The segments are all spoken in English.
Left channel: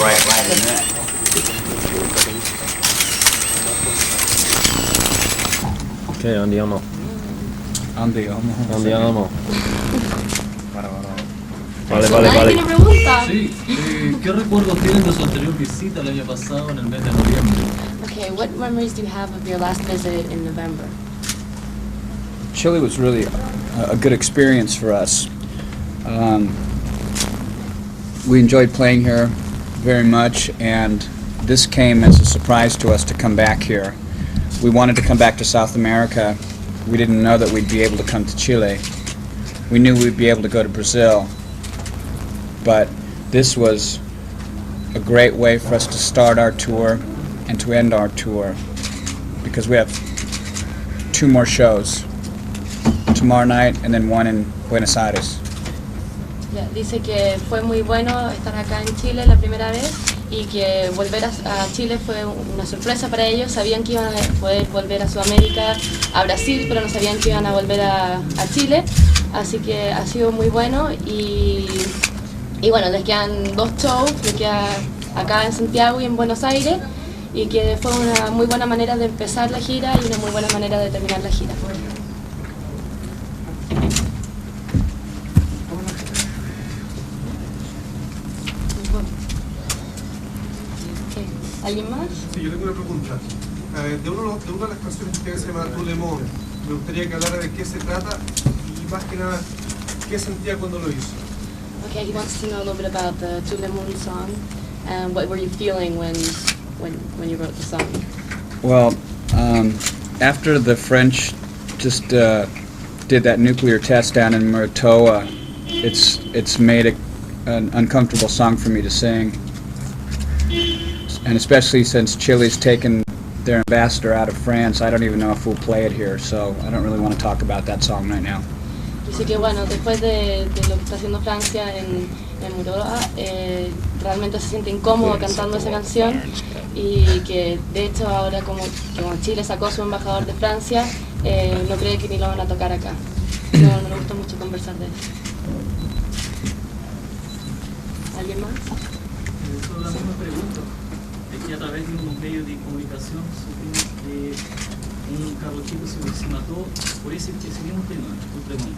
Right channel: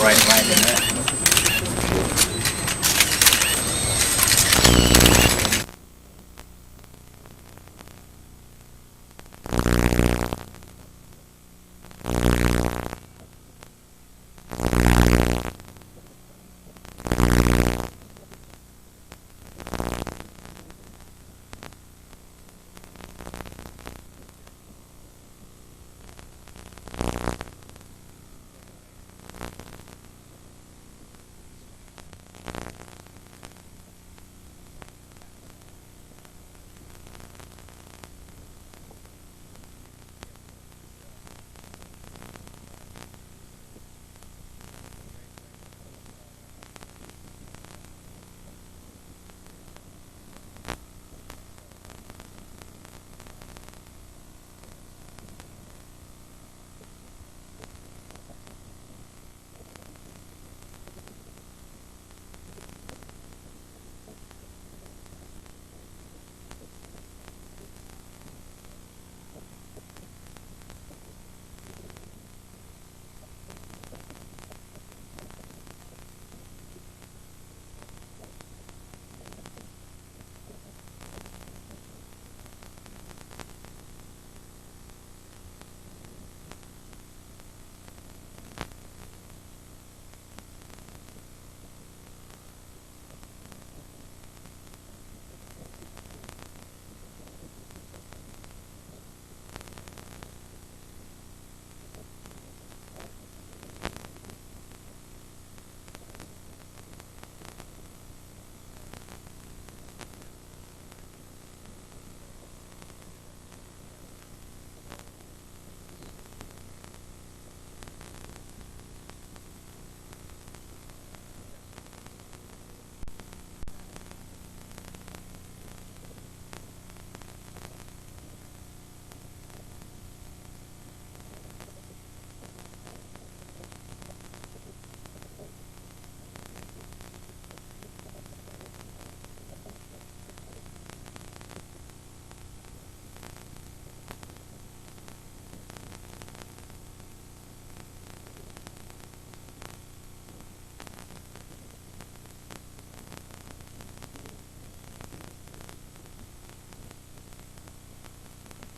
right in there. Ok, andiamo. Andiamo. Vale. ¿Tiene pregunta? Sí, ¿qué recuerdos tienen de su anterior visita el año pasado en el mes de noviembre? Okay, what memories do you have of your last visit in November? Chile was really a good experience for us. We enjoyed playing here very much, and this came as a surprise to us to come back here. We wanted to come back to South America. We didn't know that we'd be able to come to Chile. We knew we'd be able to go to Brazil, but this was a great way for us to start our tour and to end our tour, because we have 2 more shows, tomorrow night and then one in Buenos Aires. Yeah, dice que fue muy bueno estar acá en Chile la primera vez y que volver a Chile fue una sorpresa para ellos. Sabían que iban a poder volver a Sudamérica, a Brasil, pero no sabían que iban a volver a Chile. Así que ha sido muy bueno y bueno, les quedan 2 shows, les queda acá en Santiago y en Buenos Aires, y que fue una muy buena manera de empezar la gira y una muy buena manera de terminar la gira. ¿Alguien más? Sí, yo tengo una pregunta. De una de las canciones que se llama Tu Lemon, me gustaría que hablara de qué se trata y más que nada, qué sentía cuando lo hizo. Okay, he wants to know a little bit about the Tu Le Monde song and what were you feeling when you wrote the song? Well, after the French just did that nuclear test down in Muratoa, it's made an uncomfortable song for me to sing. And especially since Chile's taken their ambassador out of France, I don't even know if we'll play it here, so I don't really want to talk about that song right now. Dice que bueno, después de lo que está haciendo Francia en Muroa, realmente se siente incómodo cantando esa canción, y que de hecho ahora como Chile sacó su embajador de Francia, no cree que ni lo van a tocar acá. No le gusta mucho conversar de eso. ¿Alguien más? Solo la misma pregunta. Es que a través de unos medios de comunicación supimos que un cabro chico se mató por ese mismo tema, tu Lemon.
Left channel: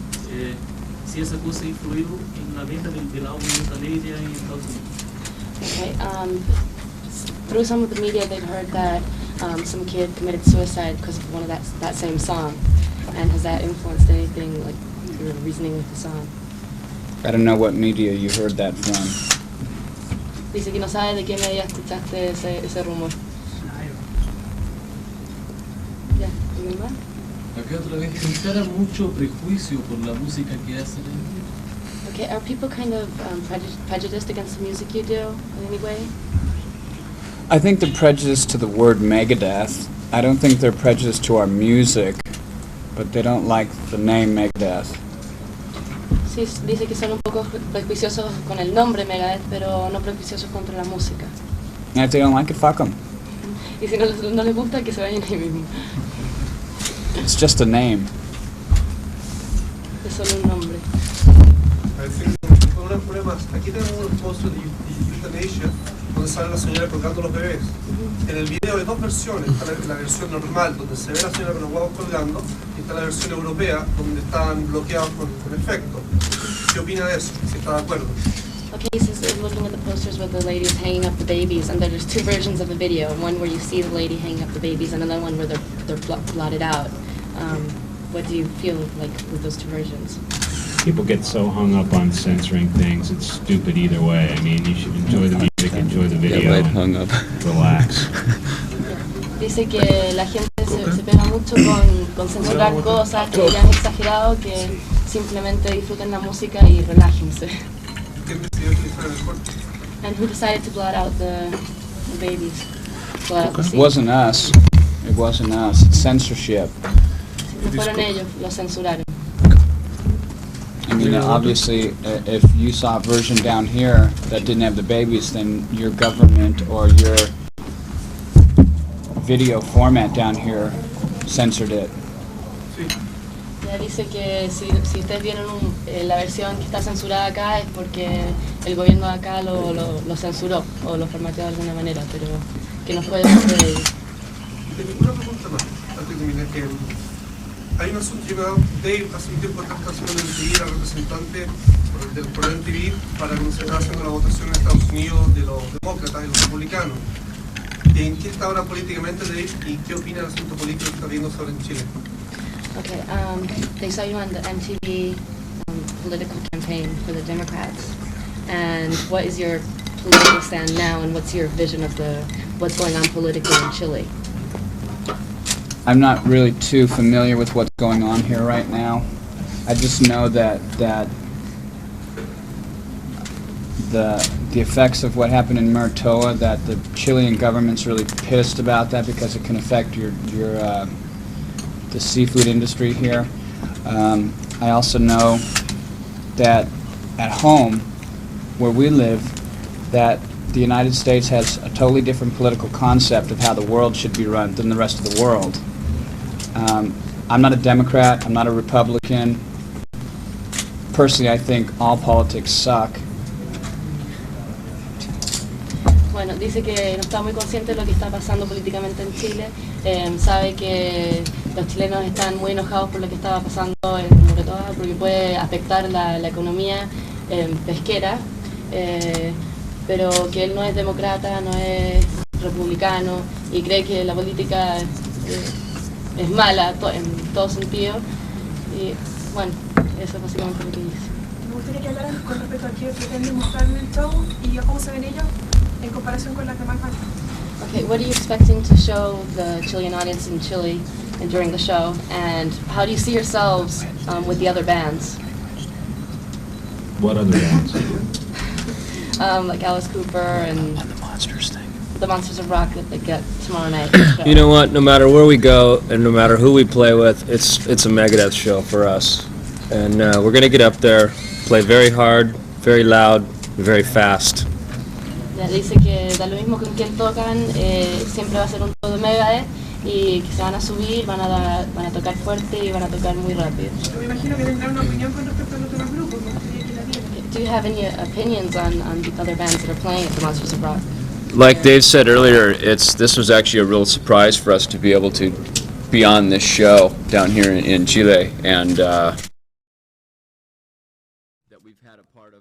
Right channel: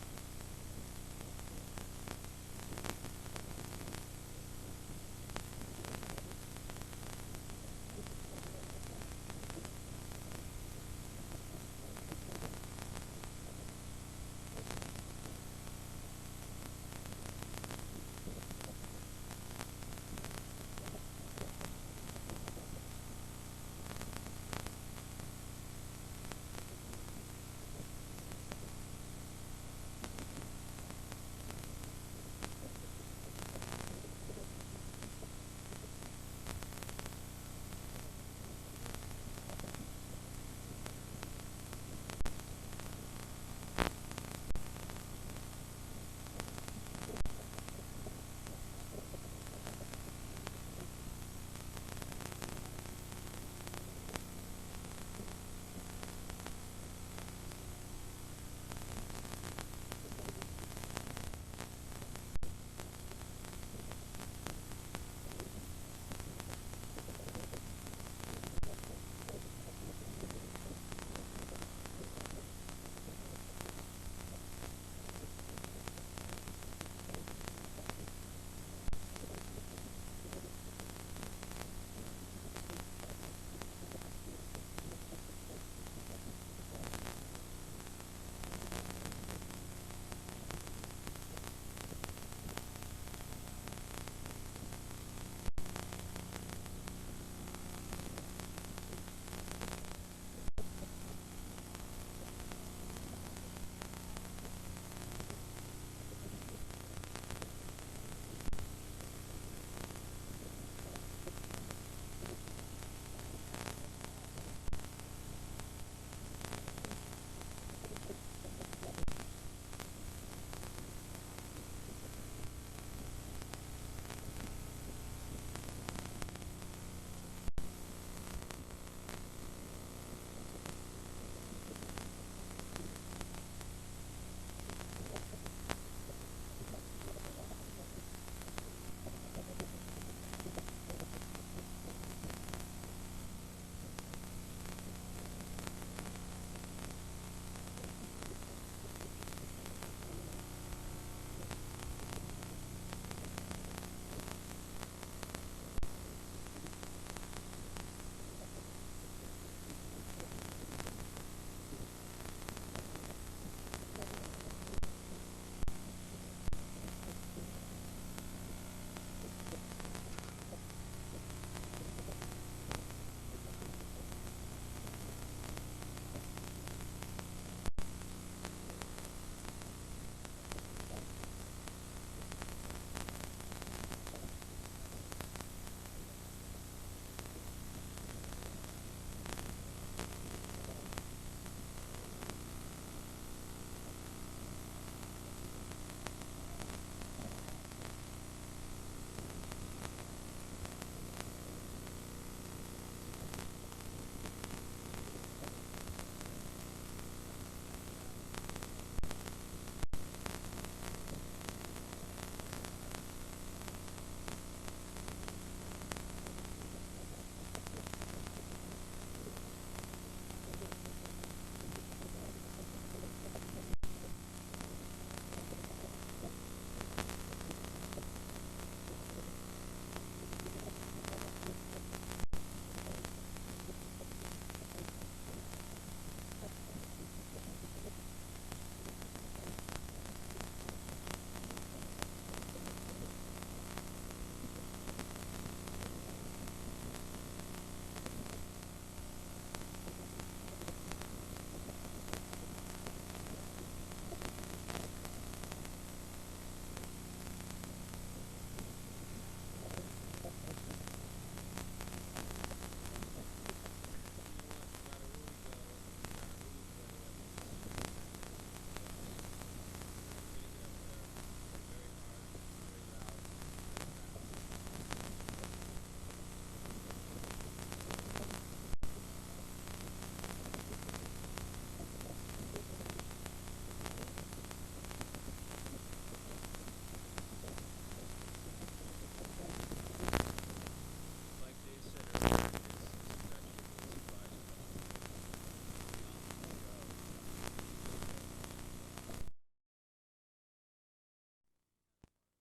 Si esa cosa ha influido en la venta del álbum Megadeth en Estados Unidos. Okay, through some of the media they've heard that some kid committed suicide because of one of that same song. And has that influenced anything, like your reasoning with the song? I don't know what media you heard that from. Dice que no sabe de qué media escuchaste ese rumor. ¿Ya? ¿Alguien más? Acá otra vez, se encara mucho prejuicio por la música que hacen. Okay, are people kind of prejudiced against the music you do in any way? I think they're prejudiced to the word Megadeth. I don't think they're prejudiced to our music, but they don't like the name Megadeth. Sí, dice que son un poco prejuiciosos con el nombre Megadeth, pero no prejuiciosos contra la música. And if they don't like it, fuck them. Y si no les gusta, que se vayan ahí mismo. It's just a name. Es solo un nombre. Una prueba más. Aquí tenemos un post de Euthanasia donde sale la señora colgando los bebés. En el video hay 2 versiones. Está la versión normal donde se ve a la señora con los huevos colgando, y está la versión europea donde están bloqueados con efecto. ¿Qué opina de eso? Si está de acuerdo. Okay, he says they're looking at the posters with the ladies hanging up the babies, and there's 2 versions of the video. One where you see the lady hanging up the babies, and another one where they're blotted out. What do you feel like with those 2 versions? People get so hung up on censoring things, it's stupid either way. I mean, you should enjoy the music, enjoy the video, and relax. Dice que la gente se pega mucho con censurar cosas, que ya es exagerado, que simplemente disfruten la música y relájense. And who decided to blot out the babies? Blot out the It scene? wasn't us. It wasn't us. It's censorship. No fueron ellos, los censuraron. I mean, obviously, if you saw a version down here that didn't have the babies, then your government or your video format down here censored it. Sí. Yeah, Ella dice que si ustedes vieron la versión que está censurada acá es porque el gobierno de acá lo censuró o lo formateó de alguna manera, pero que no fue de ellos. Una pregunta más, antes de terminar, que hay un asunto que Dave hace un tiempo atrás está haciendo MTV, era representante por el MTV para cuando se estaba haciendo la votación en Estados Unidos de los demócratas y los republicanos. ¿En qué está ahora políticamente Dave y qué opina del asunto político que está viendo sobre en Chile? Okay, they saw you on the MTV political campaign for the Democrats. And what is your political stand now, and what's your vision of what's going on politically in Chile? I'm not really too familiar with what's going on here right now. I just know that the effects of what happened in Muratoa, that the Chilean government's really pissed about that because it can affect the seafood industry here. I also know that at home, where we live, that the United States has a totally different political concept of how the world should be run than the rest of the world. I'm not a Democrat, I'm not a Republican. Personally, I think all politics suck. Bueno, dice que no está muy consciente de lo que está pasando políticamente en Chile. Sabe que los chilenos están muy enojados por lo que estaba pasando en Muratoa porque puede afectar la economía pesquera, pero que él no es demócrata, no es republicano y cree que la política es mala en todo sentido. Y bueno, eso es básicamente lo que dice. Me gustaría que hablaran con respecto a qué pretenden mostrar en el show y cómo se ven ellos en comparación con las demás bandas. Okay, what are you expecting to show the Chilean audience in Chile and during the show, and how do you see yourselves with the other bands? What other bands? Like Alice Cooper and the Monsters of Rock that they get tomorrow night. You know what? No matter where we go and no matter who we play with, it's a Megadeth show for us. And we're gonna get up there, play very hard, very loud, very fast. Ya dice que da lo mismo con quien tocan, siempre va a ser un show de Megadeth y que se van a subir, van a tocar fuerte y van a tocar muy rápido. Me imagino que tendrán una opinión con respecto a los demás grupos, me gustaría que la dieran. Do you have any opinions on the other bands that are playing at the Monsters of Rock? Like Dave said earlier, this was actually a real surprise for us to be able to be on this show down here in Chile, and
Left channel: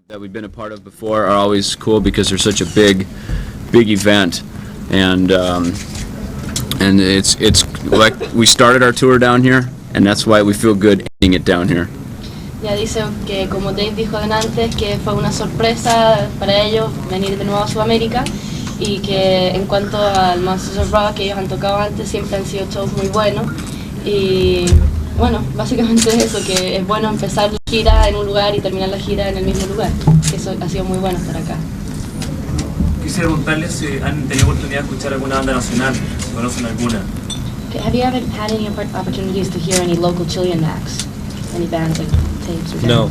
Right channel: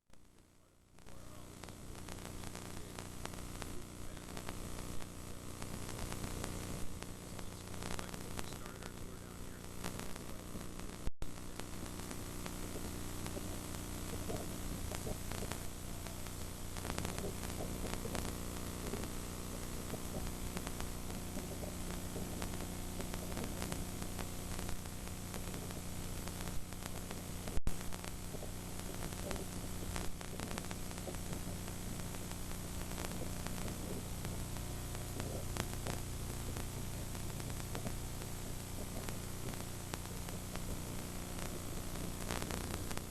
that we've been a part of before are always cool because they're such a big event, and it's like we started our tour down here, and that's why we feel good ending it down here. Ya dice que, como Dave dijo antes, que fue una sorpresa para ellos venir de nuevo a Sudamérica y que en cuanto al Monsters of Rock que ellos han tocado antes siempre han sido shows muy buenos y bueno, básicamente es eso, que es bueno empezar la gira en un lugar y terminar la gira en el mismo lugar, que eso ha sido muy bueno estar acá. Quisiera preguntarles si han tenido oportunidad de escuchar alguna banda nacional, si conocen alguna. Have you ever had any opportunities to hear any local Chilean acts? Any bands like tapes or No.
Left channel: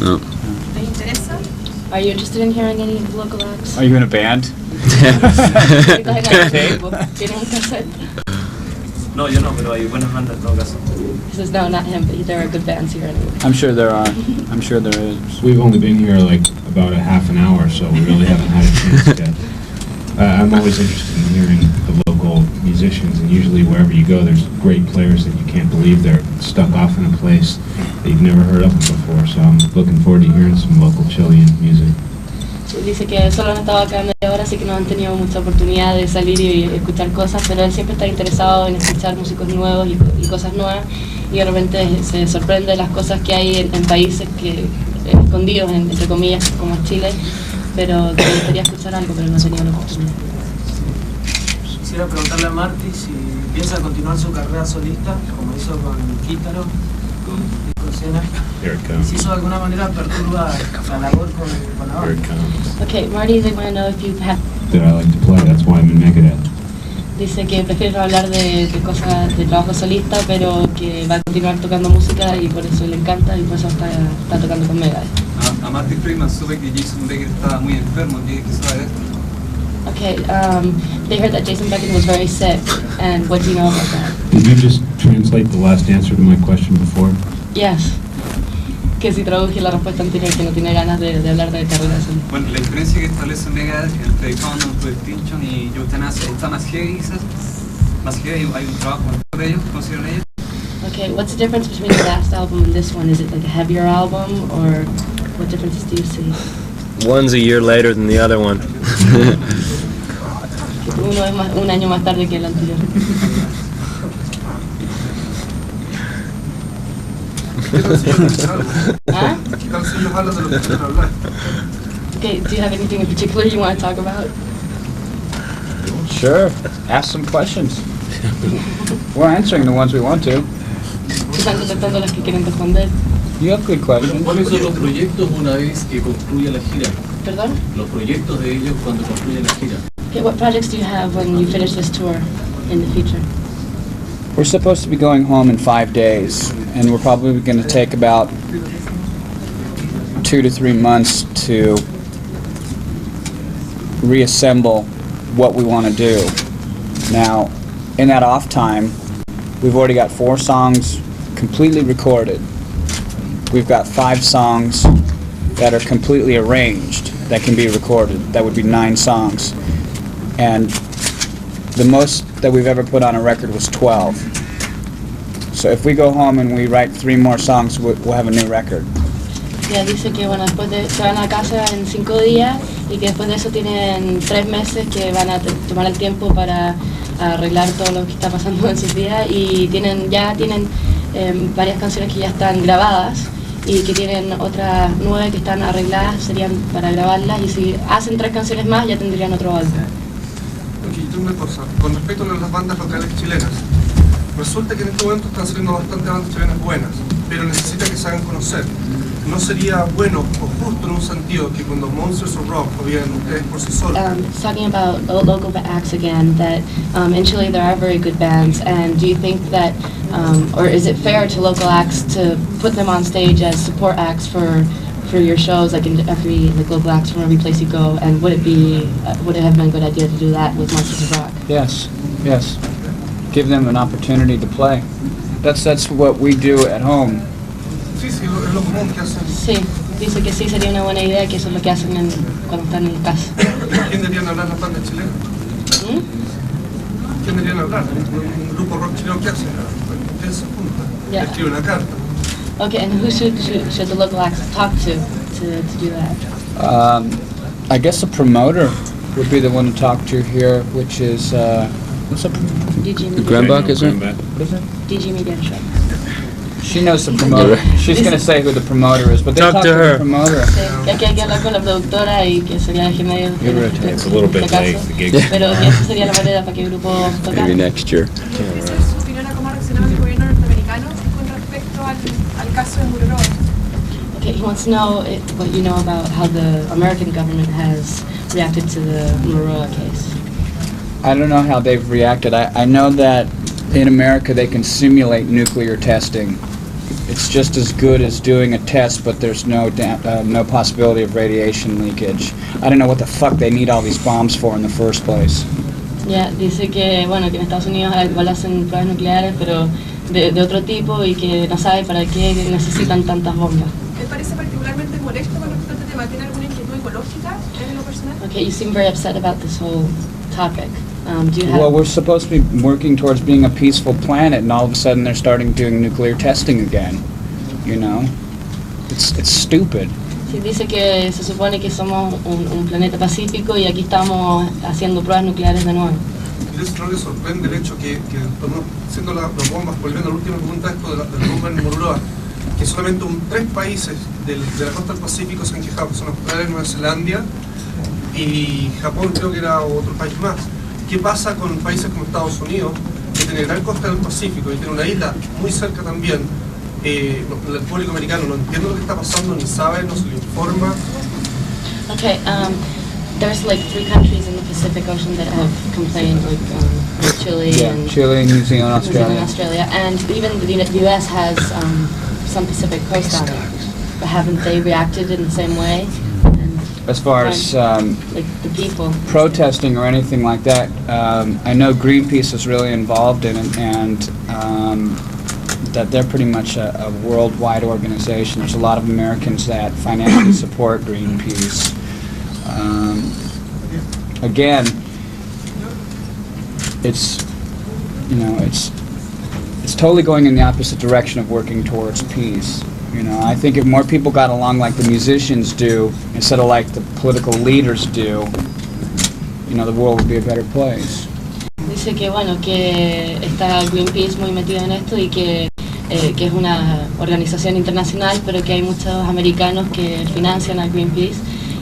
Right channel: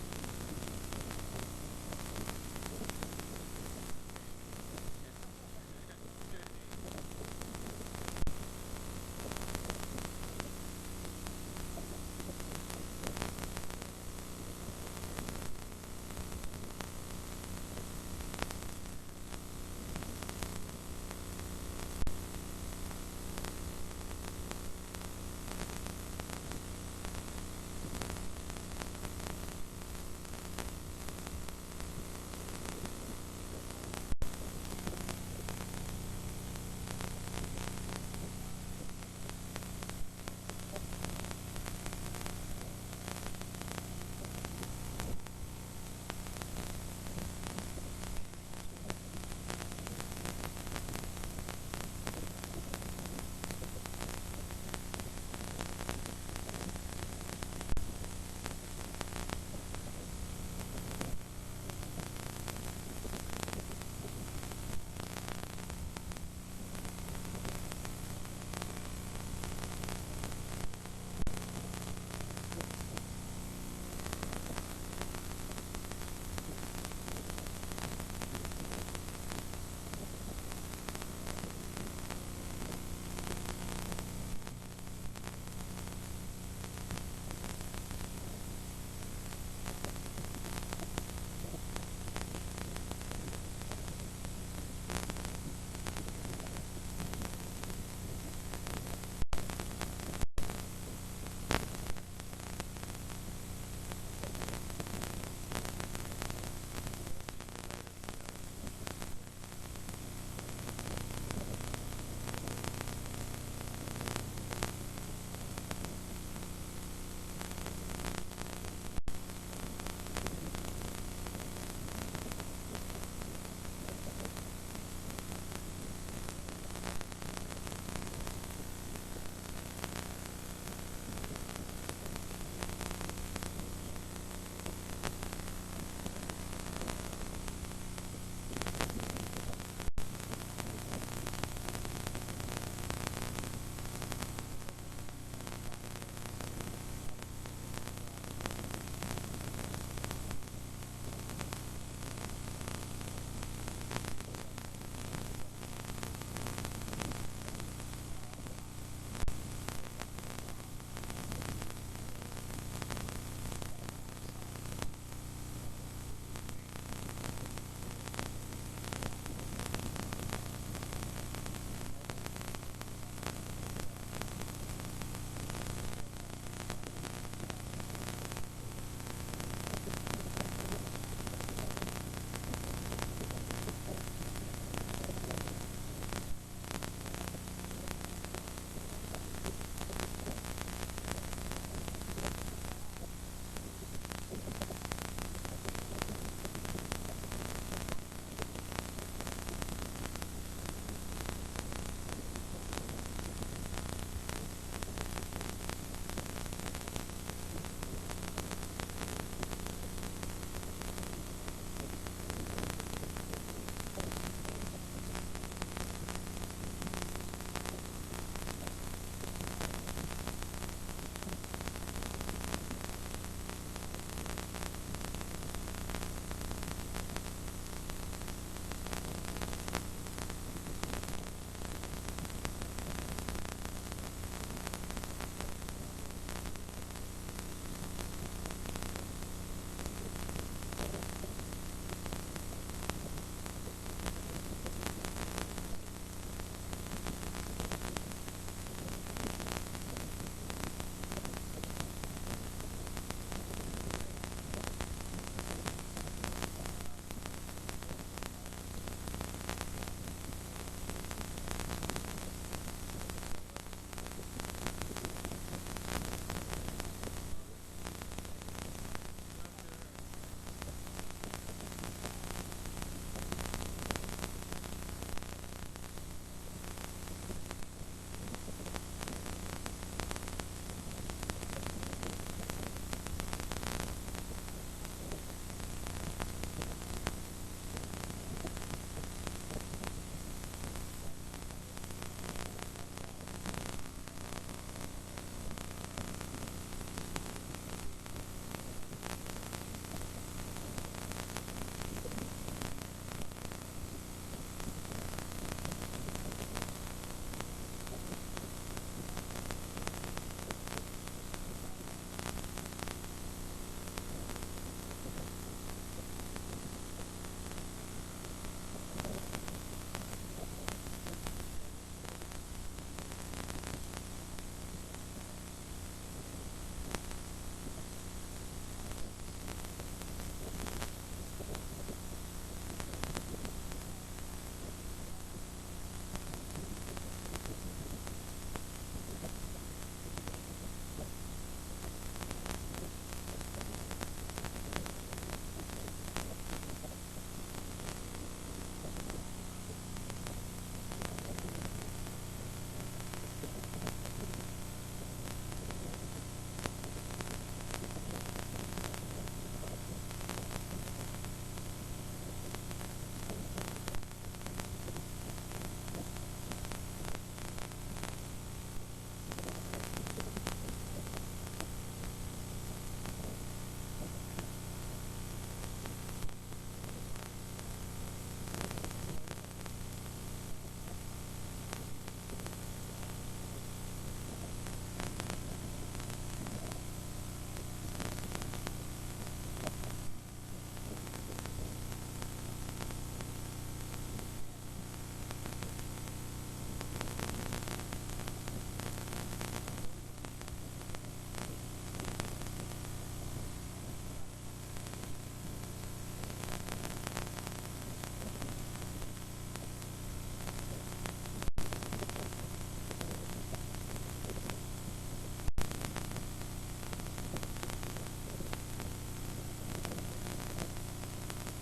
No. ¿Les interesa? Are you interested in hearing any local acts? Are you in a band? ¿Tienen un cassette? No, yo no, pero hay buenas bandas en todo caso. He says no, not him, but there are good bands here anyway. I'm sure there are. I'm sure there is. We've only been here like about a half an hour, so we really haven't had a chance yet. I'm always interested in hearing the local musicians, and usually wherever you go, there's great players that you can't believe they're stuck off in a place that you've never heard of before, so I'm looking forward to hearing some local Chilean music. Dice que solo han estado acá media hora, así que no han tenido mucha oportunidad de salir y escuchar cosas, pero él siempre está interesado en escuchar músicos nuevos y cosas nuevas, y de repente se sorprende de las cosas que hay en países que escondidos, entre comillas, como Chile, pero le gustaría escuchar algo, pero no ha tenido la oportunidad. Quisiera preguntarle a Marty si piensa continuar su carrera solista, como hizo con Quítaro, con Cena, y si eso de alguna manera perturba la labor con la Here it banda. comes. Okay, Marty, they want to know if you have... That I like to play, that's why I'm in Megadeth. Dice que prefiere no hablar de cosas de trabajo solista, pero que va a continuar tocando música y por eso le encanta y por eso está tocando con Megadeth. A Marty Friedman supe que Jason Becker estaba muy enfermo, ¿qué sabe de esto? Okay, they heard that Jason Beckett was very sick, and what do you know about that? Did you just translate the last answer to my question before? Yes. Que si traduje la respuesta anterior, que no tiene ganas de hablar de carrera solista. Bueno, la diferencia que establece Megadeth entre Countdown to Extinction y Euthanasia está más heavy, quizás. Más heavy, hay un trabajo mejor de ellos, consideran ellos. Okay, what's the difference between the last album and this one? Is it like a heavier album, or what differences do you see? One's a year later than the other one. Uno es un año más tarde que el anterior. ¿Ah? ¿Qué tal si ellos hablan de lo que quieren hablar? Okay, do you have anything in particular you want to talk about? Sure. Ask some questions. We're answering the ones we want to. Están contestando las que quieren responder. You have good questions. ¿Cuáles son los proyectos una vez que concluya la gira? ¿Perdón? Los proyectos de ellos cuando concluya la gira. Okay, what projects do you have when you finish this tour in the future? We're supposed to be going home in 5 days, and we're probably going to take about 2 to 3 months to reassemble what we want to do. Now, in that off time, we've already got 4 songs completely recorded. We've got 5 songs that are completely arranged that can be recorded. That would be 9 songs. And the most that we've ever put on a record was 12. So if we go home and we write 3 more songs, we'll have a new record. Ya dice que bueno, después se van a casa en 5 días y que después de eso tienen 3 meses que van a tomar el tiempo para arreglar todo lo que está pasando en sus días y ya tienen varias canciones que ya están grabadas y que tienen otras 9 que están arregladas, serían para grabarlas, y si hacen 3 canciones más ya tendrían otro álbum. Ok, yo tengo una cosa. Con respecto a las bandas locales chilenas, resulta que en este momento están saliendo bastantes bandas chilenas buenas, pero necesitan que se hagan conocer. ¿No sería bueno o justo en un sentido que cuando Monsters of Rock o bien ustedes por sí solos? Talking about local acts again, that in Chile there are very good bands, and do you think that, or is it fair to local acts to put them on stage as support acts for your shows, like in every local acts from every place you go? And would it have been a good idea to do that with Monsters of Rock? Yes, yes. Give them an opportunity to play. That's what we do at home. Sí, sí, es lo común que hacen. Sí, dice que sí sería una buena idea, que eso es lo que hacen cuando están en casa. ¿Quién deberían hablar las bandas chilenas? ¿Quién deberían hablar? Un grupo rock chileno que hacen. Ustedes se juntan, Yeah. escriben una carta. Okay, and who should the local acts talk to do that? I guess the promoter would be the one to talk to here, which is, what's up? DG Media. Grambach, is it? DG Media Show. She knows the promoter. She's going to say who the promoter is, but they Talk talk to to her. the promoter. Sí, que aquí hay que hablar con la productora y que sería el medio It's a little bit late, the gig. pero que esa sería la manera para que el grupo tocara. Maybe next year. Quisiera saber su opinión a cómo ha reaccionado el gobierno norteamericano con respecto al caso de Mururoa. Okay, he wants to know what you know about how the American government has reacted to the Mururoa case. I don't know how they've reacted. I know that in America they can simulate nuclear testing. It's just as good as doing a test, but there's no possibility of radiation leakage. I don't know what the fuck they need all these bombs for in the first place. Ya, dice que, bueno, que en Estados Unidos igual hacen pruebas nucleares, pero de otro tipo, y que no sabe para qué necesitan tantas bombas. ¿Te parece particularmente molesto con respecto a este tema? ¿Tiene alguna inquietud ecológica en lo personal? Okay, you seem very upset about this whole topic. Do you have... Well, we're supposed to be working towards being a peaceful planet, and all of a sudden they're starting doing nuclear testing again. You know? It's stupid. Sí, dice que se supone que somos un planeta pacífico y aquí estamos haciendo pruebas nucleares de nuevo. ¿Entonces no les sorprende el hecho que siendo las bombas, volviendo a la última pregunta esto del bomba en Mururoa, que solamente 3 países de la costa del Pacífico se han quejado, que son Australia, Nueva Zelanda y Japón, creo que era otro país más? ¿Qué pasa con países como Estados Unidos, que tiene gran costa del Pacífico y tiene una isla muy cerca también? El público americano no entiende lo que está pasando, ni sabe, no se le informa. Okay, there's like 3 countries in the Pacific Ocean that have complained, like Chile and Chile, New Zealand, New Zealand, Australia. Australia, and even the U.S. has some Pacific coast on it. But haven't they reacted in the same way? And as far as like the people. protesting or anything like that, I know Greenpeace is really involved in it, and that they're pretty much a worldwide organization. There's a lot of Americans that financially support Greenpeace. Again, it's, you know, it's totally going in the opposite direction of working towards peace. You know, I think if more people got along like the musicians do, instead of like the political leaders do, you know, the world would be a better place. Dice que bueno, que está Greenpeace muy metido en esto y que es una organización internacional, pero que hay muchos americanos que financian a Greenpeace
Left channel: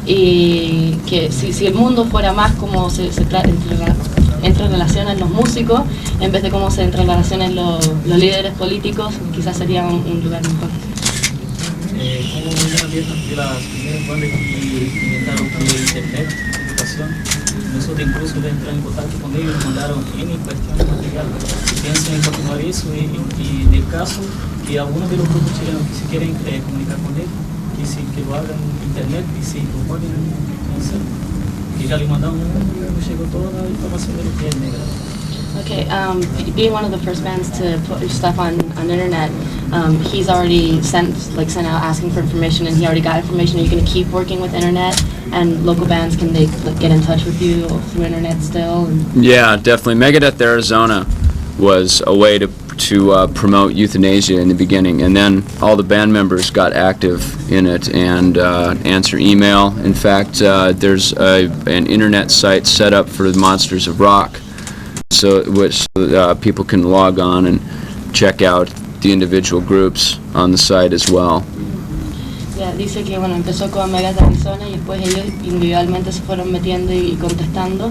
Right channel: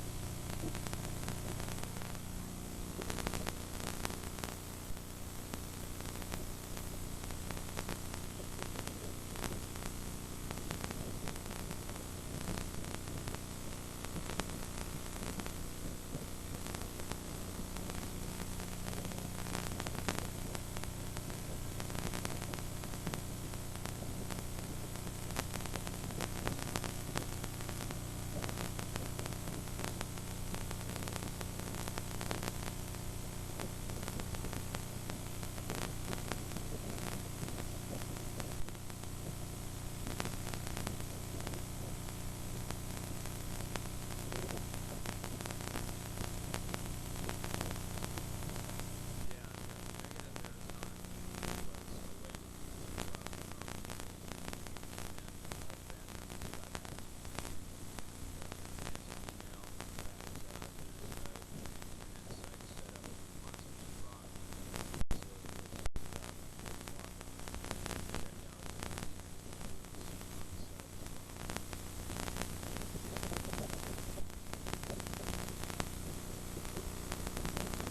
y que si el mundo fuera más como se entrerelacionan los músicos en vez de cómo se entrerelacionan los líderes políticos, quizás sería un lugar mejor. Como una de las primeras bandas que inventaron internet, educación, nosotros incluso de entrar en contacto con ellos nos mandaron N cuestiones de material. Piensan en continuar eso y en el caso que algunos de los grupos chilenos que se quieren comunicar con él, que lo hagan en internet y se proponen en hacer, que ya le mandamos, nos llegó toda la información de lo que es Megadeth. Okay, being one of the first bands to put stuff on internet, he's already sent out asking for information, and he already got information. Are you going to keep working with internet, and local bands, can they get in touch with you through internet still? Yeah, definitely. Megadeth Arizona was a way to promote euthanasia in the beginning, and then all the band members got active in it and answer email. In fact, there's an internet site set up for the Monsters of Rock, so which people can log on and check out the individual groups on the site as well. Yeah, dice que bueno, empezó con Megadeth Arizona y después ellos individualmente se fueron metiendo y contestando,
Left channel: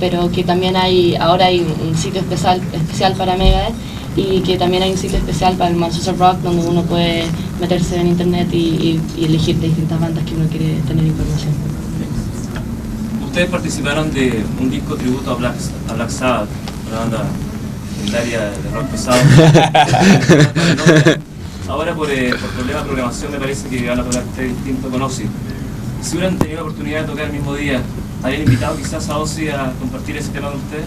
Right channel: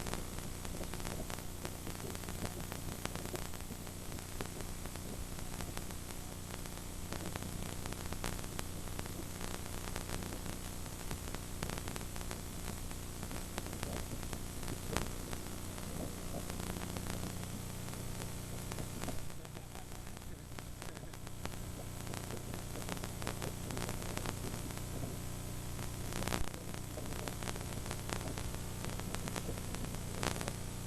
pero que también ahora hay un sitio especial para Megadeth y que también hay un sitio especial para el Monsters of Rock donde uno puede meterse en internet y elegir de distintas bandas que uno quiere tener información. Ustedes participaron de un disco tributo a Black Sabbath, una banda legendaria de rock pesado. Ahora por problemas de programación me parece que van a tocar este distinto con Ozzy. Si hubieran tenido la oportunidad de tocar el mismo día, ¿habrían invitado quizás a Ozzy a compartir ese tema con ustedes?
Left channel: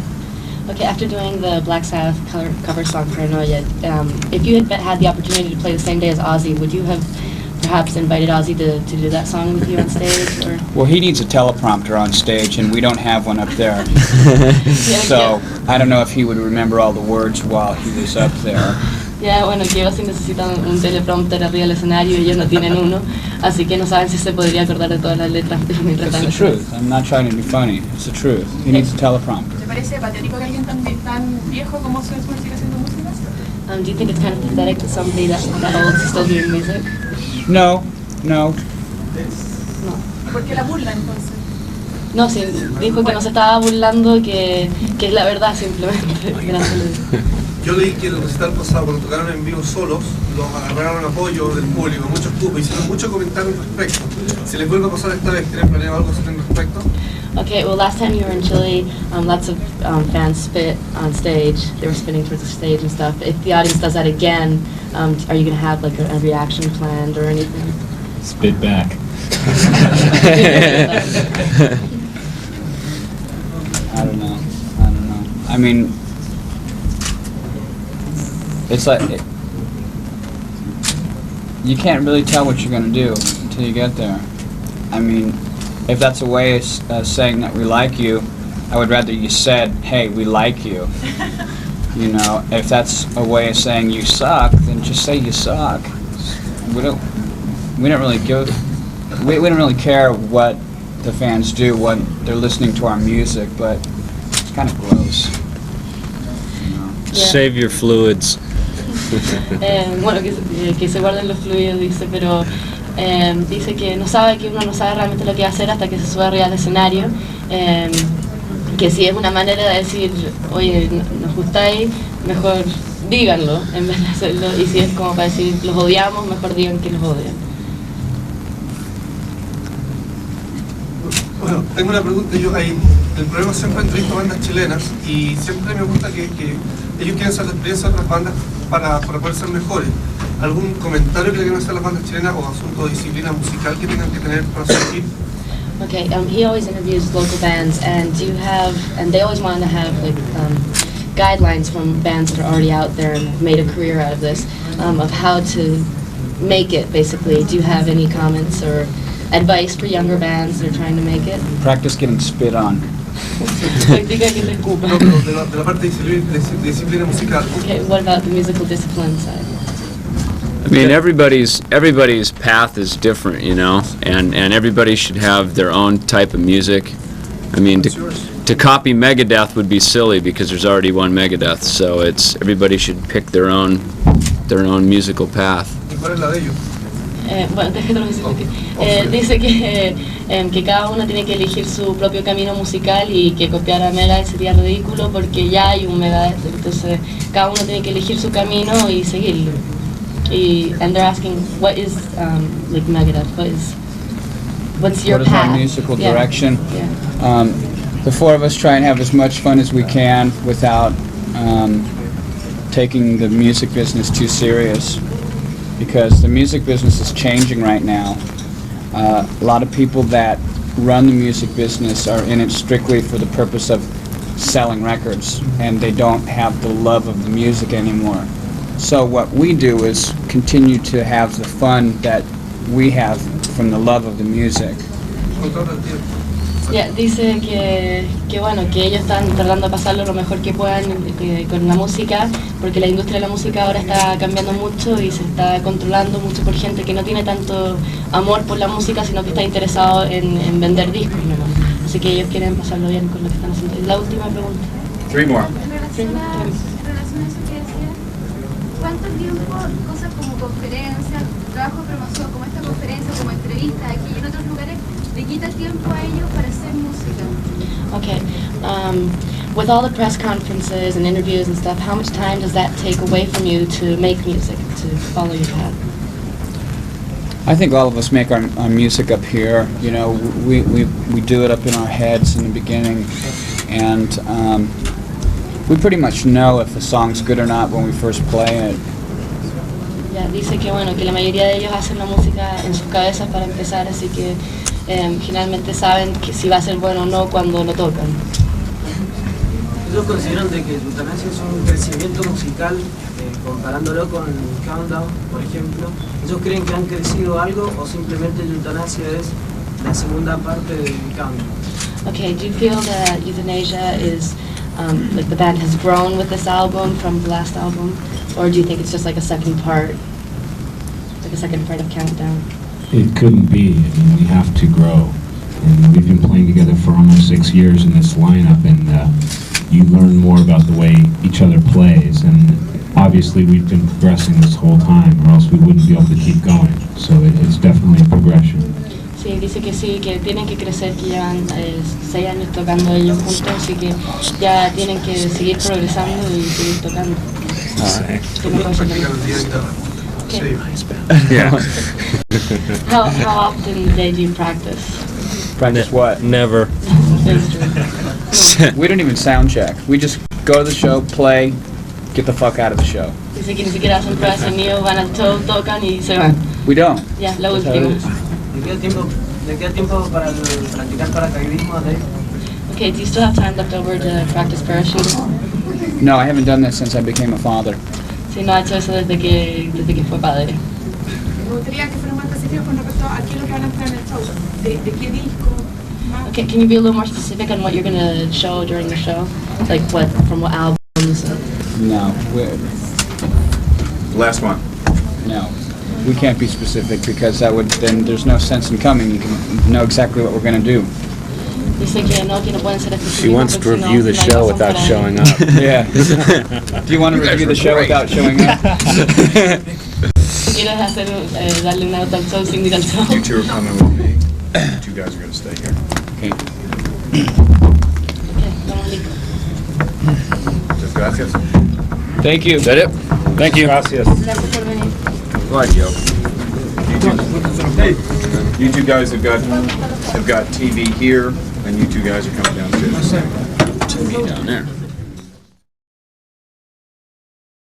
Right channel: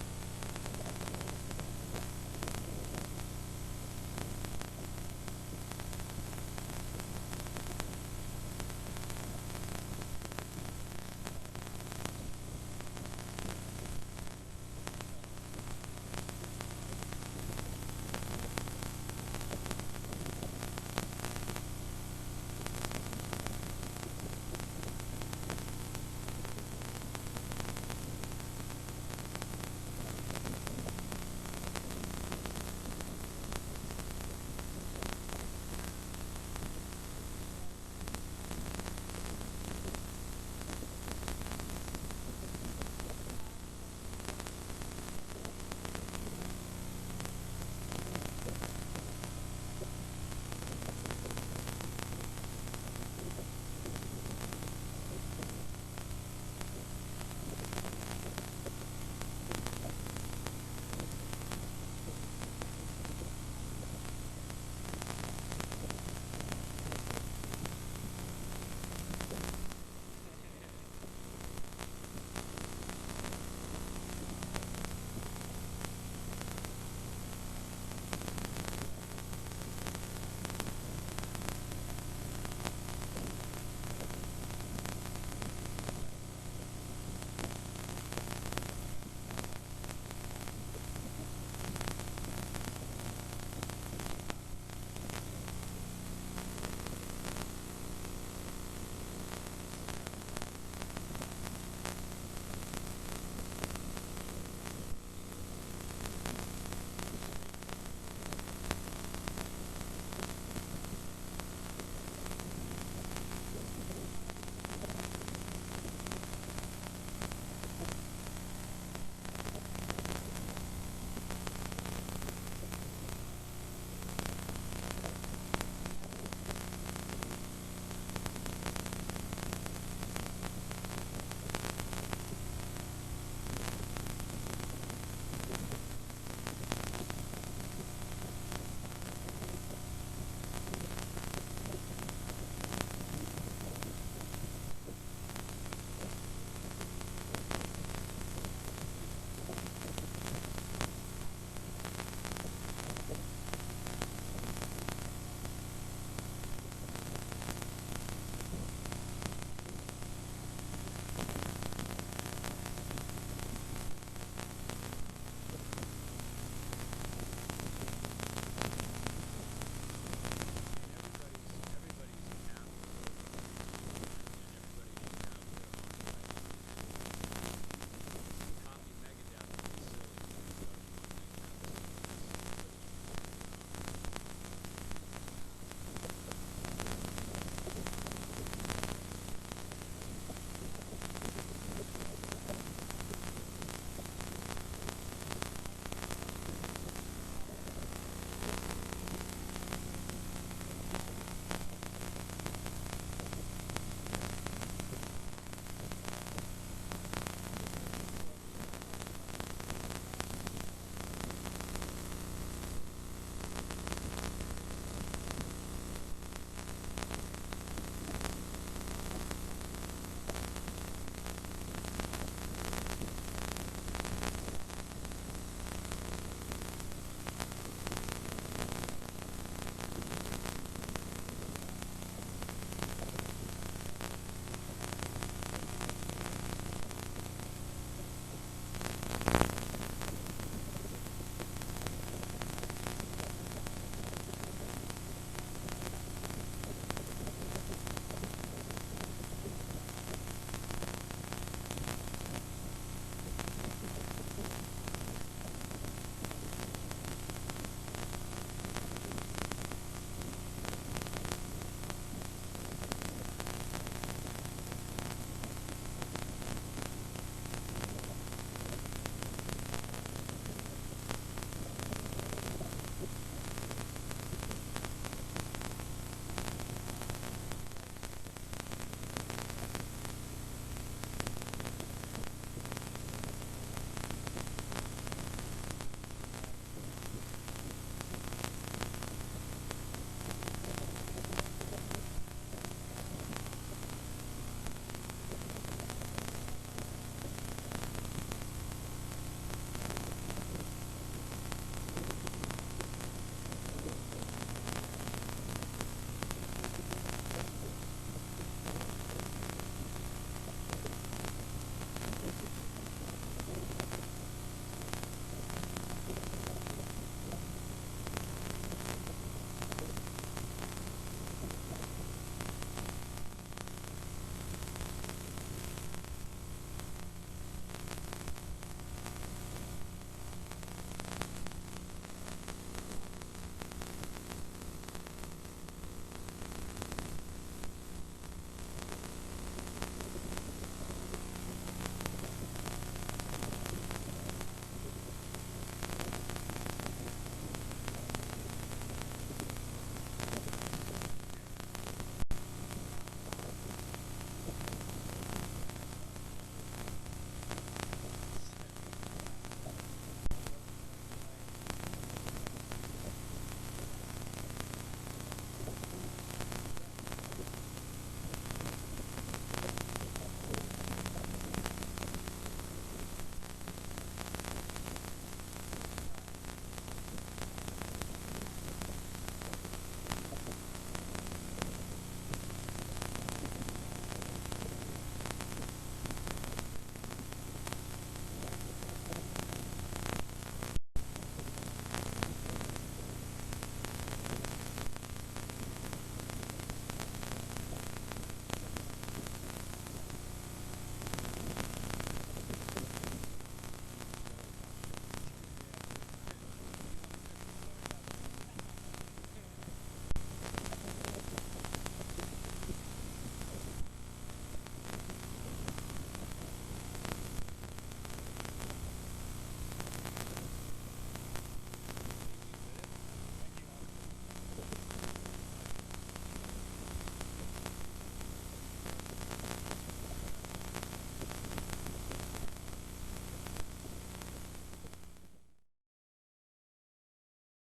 Okay, after doing the Black Sabbath cover song Paranoia, if you had the opportunity to play the same day as Ozzy, would you have perhaps invited Ozzy to do that song with you on stage? Or? Well, he needs a teleprompter on stage, and we don't have one up there. So I don't know if he would remember all the words while he was up there. Ya, bueno, que Ozzy necesita un teleprompter arriba del escenario y ellos no tienen uno, así que no saben si se podría acordar de todas las letras mientras It's están the truth. I'm not trying to be funny. It's the truth. He needs a teleprompter. ¿Te parece patético que alguien tan viejo como Ozzy siga haciendo música? Do you think it's kind of pathetic that somebody that old is still doing music? No. No. ¿Por qué la burla entonces? No, sí, dijo que no se estaba burlando, que es la verdad simplemente. Gracias. Yo leí que el recital pasado, cuando tocaron en vivo solos, los agarraron apoyo del público, muchos grupos, hicieron muchos comentarios al respecto. Si les vuelve a pasar esta vez, ¿tienen planeado algo al respecto? Okay, well, last time you were in Chile, lots of fans spit on stage. They were spitting towards the stage and stuff. If the audience does that again, are you going to have like a reaction planned or anything? Spit back. I don't know. I mean, it's like you can't really tell what you're going to do until you get there. I mean, if that's a way of saying that we like you, I would rather you said, hey, we like you. You know, if that's a way of saying you suck, then just say you suck. We don't really care what the fans do when they're listening to our music, but it's kind of gross. You know? Save your fluids. Bueno, que se guarden los fluidos, dice, pero dice que uno no sabe realmente lo que va a hacer hasta que se sube arriba al escenario, que si es una manera de decir, oye, nos gustáis, mejor díganlo en vez de hacerlo, y si es como para decir, los odiamos, mejor digan que los odian. Bueno, tengo una pregunta. El problema siempre entrevisto bandas chilenas y siempre me gusta que ellos quieren hacer la experiencia de otras bandas para poder ser mejores. ¿Algún comentario que le quieran hacer a las bandas chilenas o asunto de disciplina musical que tengan que tener para surgir? Okay, he always interviews local bands, and do you have, and they always want to have like guidelines from bands that are already out there and have made a career out of this, of how to make it, basically. Do you have any comments or advice for younger bands that are trying to make it? Practice getting spit on. Practica que te escupa. No, pero de la parte de disciplina musical. Okay, what about the musical discipline side? I mean, everybody's path is different, you know, and everybody should have their own type of music. I mean, to copy Megadeth would be silly because there's already one Megadeth, so everybody should pick their own musical path. ¿Y cuál es la de ellos? Bueno, dice que cada uno tiene que elegir su propio camino musical y que copiar a Megadeth sería ridículo porque ya hay un Megadeth, entonces cada uno tiene que elegir su camino y seguirlo. And they're asking, what is like Megadeth? What's your What is path? our musical Yeah. direction? Yeah. The four of us try and have as much fun as we can without taking the music business too serious, because the music business is changing right now. A lot of people that run the music business are in it strictly for the purpose of selling records, and they don't have the love of the music anymore. So what we do is continue to have the fun that we have from the love of the music. Yeah, dice que bueno, que ellos están tratando de pasarlo lo mejor que puedan con la música, porque la industria de la música ahora está cambiando mucho y se está controlando mucho por gente que no tiene tanto amor por la música, sino que está interesado en vender discos, ¿no? Así que ellos quieren pasarlo bien con lo que están haciendo. La última pregunta. Three more. ¿Cuánto tiempo cosas como conferencias, trabajo de promoción, como esta conferencia, como entrevistas aquí y en otros lugares, le quita tiempo a ellos para hacer música? Okay. With all the press conferences and interviews and stuff, how much time does that take away from you to make music, to follow your path? I think all of us make our music up here. You know, we do it up in our heads in the beginning, and we pretty much know if a song's good or not when we first play it. Ya, dice que bueno, que la mayoría de ellos hacen la música en sus cabezas para empezar, así que generalmente saben que si va a ser bueno o no cuando lo tocan. ¿Ellos consideran de que Eutanasia es un crecimiento musical, comparándolo con Countdown, por ejemplo? ¿Ellos creen que han crecido algo o simplemente Eutanasia es la segunda parte del Countdown? Okay, do you feel that Euthanasia is, like the band has grown with this album from the last album, or do you think it's just like a second part of Countdown? It couldn't be. I mean, we have to grow. And we've been playing together for almost 6 years in this lineup, and you learn more about the way each other plays. And obviously we've been progressing this whole time, or else we wouldn't be able to keep going. So it's definitely a progression. Sí, dice que sí, que tienen que crecer, que llevan 6 años tocando ellos juntos, así que ya tienen que seguir progresando y seguir tocando. Que no puede ser lo mismo. Okay. Yeah. How often do you practice? Practice what? Never. We don't even sound check. We just go to the show, play, get the fuck out of the show. Dice que ni siquiera hacen pruebas de sonido, van al show, tocan y se van. We don't. Ya, la última. ¿Le queda tiempo para practicar paracaidismo, Dave? Okay, do you still have time left over to practice parachute? No, I haven't done that since I became a father. Sí, no ha hecho eso desde que fue padre. Me gustaría que fueran más específicos con respecto a qué es lo que van a mostrar en el show. ¿De qué disco? Okay, can you be a little more specific on what you're going to show during the show? Like what, from what albums? No. Last one. No. We can't be specific because then there's no sense in coming. You can know exactly what we're going to do. Dice que no pueden ser específicos. She wants to review the show without showing up. Yeah. Do you want to review the show without showing up? ¿Quieres hacer, darle una nota al show sin ir al show? You two are coming with me. You two guys are going to stay here. Okay. Okay, estamos listos. Muchas gracias. Thank you. Is that it? Thank you. Gracias por venir. Right, yo. You two guys have got TV here, and you two guys are coming down too. TV down there.